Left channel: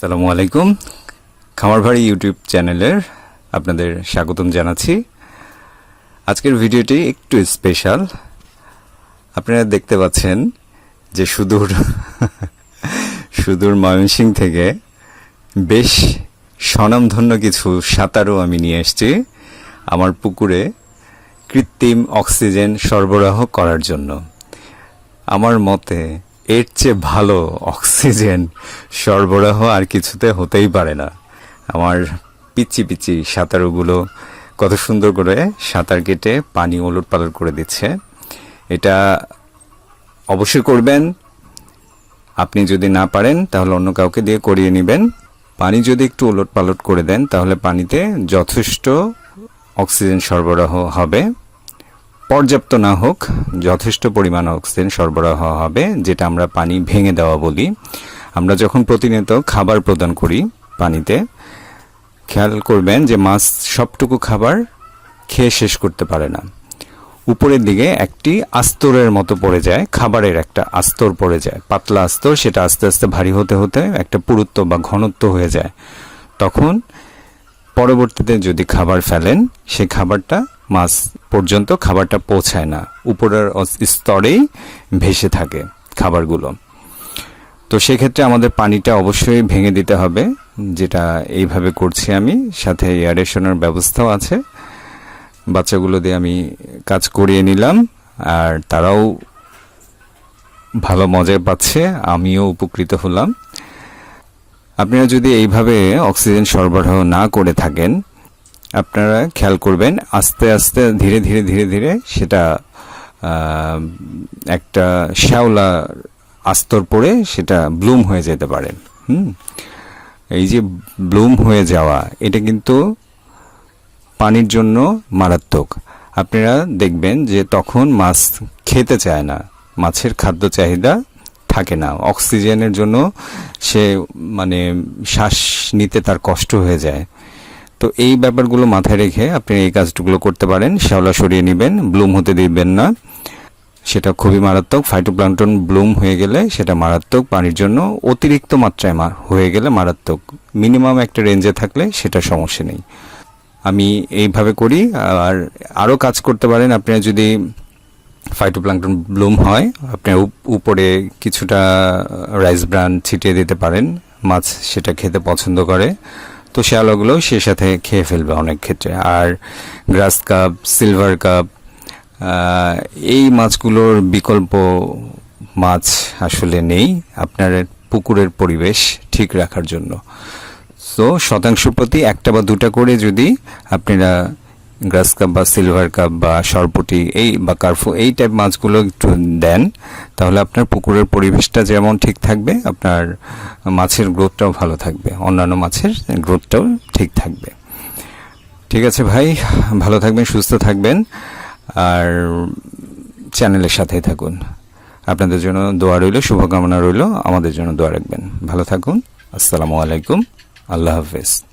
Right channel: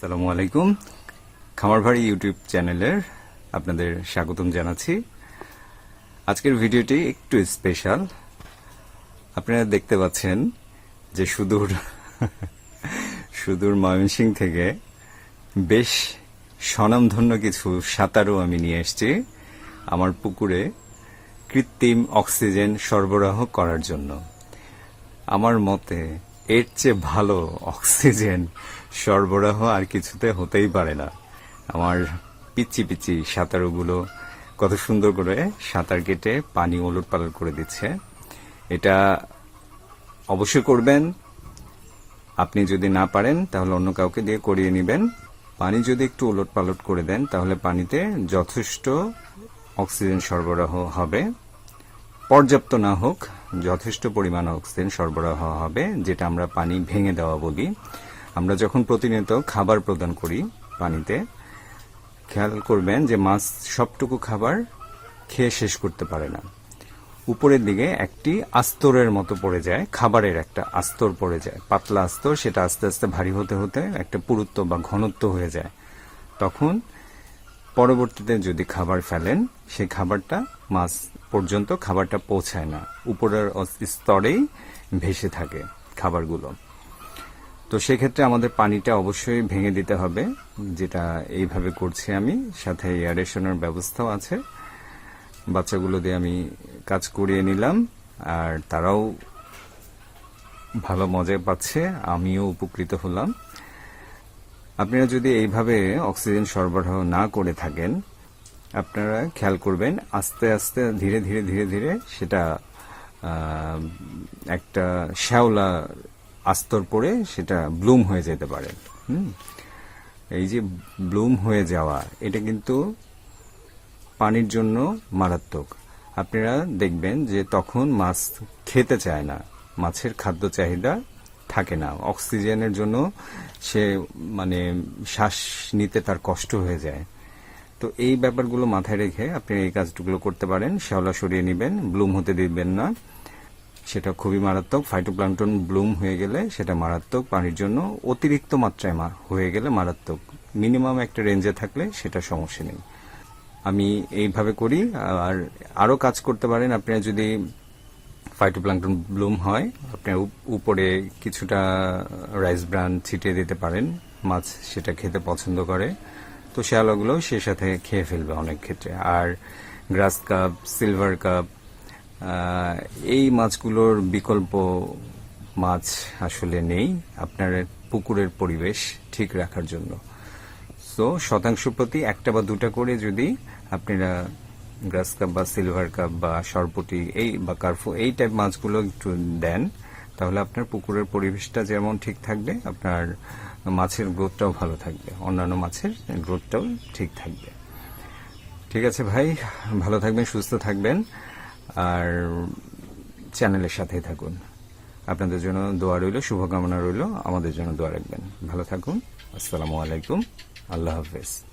সালামু আলাইকুম। খামার ভাড়ি ইউটিউব চ্যানেলের আপনাদের স্বাগতম জানাচ্ছি। আজকের ভিডিওটি একটু স্পেশাল আপনারা দেখতে পাচ্ছেন যে সুদূর সুদূর ময়মনসিং থেকে বেশ স্বনামধন্য কিছু সাঁতারও আমি নিয়ে এসেছি আমার পুকুরে কৃত্রিম অক্সিজেন সরবরাহ করার জন্য। আমার মতে এর চেয়ে ভালো অক্সিজেন সরবরাহ আর কিছুতে হতেই পারে না। আমার পিচি পিচি সাঁতারুগুলো কত সুন্দর করে সাঁতার কেটে পানি ওলট পালট করে দিচ্ছে। এটা অবশ্যই করবেন। আপনি যদি না পারেন, তাহলে অন্য কাউকে দিয়ে করিয়ে নেবেন। পানি যদি একটু ওলট পালট করে দেন, তাহলে পানিতে যথেষ্ট অক্সিজেন সরবরাহ হবে। পর্যাপ্ত না হোক, যথেষ্ট পরিমাণ অক্সিজেন সরবরাহ হবে, যেটা আমরা পানি ভেঙে দেওয়া বলি। আমরা যখন প্রতিনিয়ত খাবার প্রদান করি পানিতে, খেয়াল করবেন যে মাছ সবটুকু খাবার খেয়ে শেষ করতে পারে না। উপরের দিকে একটি আস্তরের মতো পড়ে যায়, খাবারের একটা আস্তর পড়ে যায়। পাতলা আস্তর, সেটা আস্তে আস্তে ভারী হতে হতে একটা পুরুত্ব বা ঘনত্ব হয়ে যায়। তখন পরবর্তীতে যদি খাবার ফেলেন সেই খাবারটা মাছ পর্যন্ত খাবারটা পৌঁছায় না। উপরের স্তরেই ভেসে থাকে খাবারগুলো। তো সেক্ষেত্রে আমাদের পানিটা অবশ্যই ভেঙে দিতে হবে, যেটা এইভাবে করছি আমি। সাথে এয়ারেশনের ব্যবস্থাও আছে। বাচ্চাগুলো দিয়ে আমি কাজ করিয়ে নিলাম, আর তারাও ভালো মজা পাচ্ছে, আমিও উপকৃত হলাম। আপনারা যদি এইভাবে অক্সিজেন সরবরাহ না করে থাকেন আপনারা খেয়াল করবেন, আস্তে আস্তে, ধীরে ধীরে ধীরে ধীরে সেটা একটা শ্যাওলা আস্তর পড়ে সেটা ব্লুম হয়ে যেতে পারে। হুম? এই যে ব্লুম হয়ে যাওয়া, এটা কিন্তু পানির জন্য মারাত্মক। আপনারা দেখবেন যে তখন মাছ খেতে চায় না, মাছের খাদ্য চাহিদা থাকে না। অক্সিজেনের জন্য সে মানে শ্বাস নিতে তার কষ্ট হয়ে যায়। তো এই ব্যাপারগুলো মাথায় রেখে আপনি এই কাজগুলো করতে পারেন, শ্যাওলা সরিয়ে নেবেন, ব্লুম হতে দিবেন না। সেটা খুবই মারাত্মক ফাইটোপ্লাঙ্কটন ব্লুম হয়ে গেলে সেটা মারাত্মক, পানির জন্য অতিরিক্ত মাত্রায় মা- হয়ে গেলে মারাত্মক। মিনিমাম একটা রেঞ্জে থাকলে সেটা সমস্যা নেই। আমি এইভাবে করি, আর আরও কাজ করতে পারেন, আপনারা যদি ফাইটোপ্লাঙ্কটন ব্লুম হয়, আপনি উপ- উপরে কিছুটা রাইস ব্রান ছিটিয়ে দিতে পারেন, মাছ সেটা খেতে পছন্দ করে। তো শ্যাওলাগুলোও সে সাথে খেয়ে ফেলবে অনেক ক্ষেত্রে। আর গ্রাস কাপ, সিলভার কাপ এই মাছগুলোর বিকল্প মাছ আসলে নেই আপনার পুকুরের পরিবেশ ঠিক রাখার জন্য। তো শতাংশ প্রতি একটা বা দুটা করে যদি আপনারা গ্রাস কাপ বা সিলভার কাপ বা সরপটি এই বা কার্ফু এই টাইপ মাছগুলো একটু দেন তাহলে আপনার পুকুরের পরিবেশটা যেমন ঠিক থাকবে, আপনার মাছের গ্রোথটাও ভালো থাকবে, অন্যান্য মাছের গ্রোথটাও ঠিক থাকবে। ঠিক আছে ভাই, ভালো থাকবেন, সুস্থ থাকবেন, আর চ্যানেলের সাথেই থাকুন। আপনাদের জন্য দোয়া রইল, শুভকামনা রইল, আমাদের জন্য দোয়া রাখবেন। ভালো থাকুন, আসসালামু আলাইকুম, আল্লাহ হাফেজ।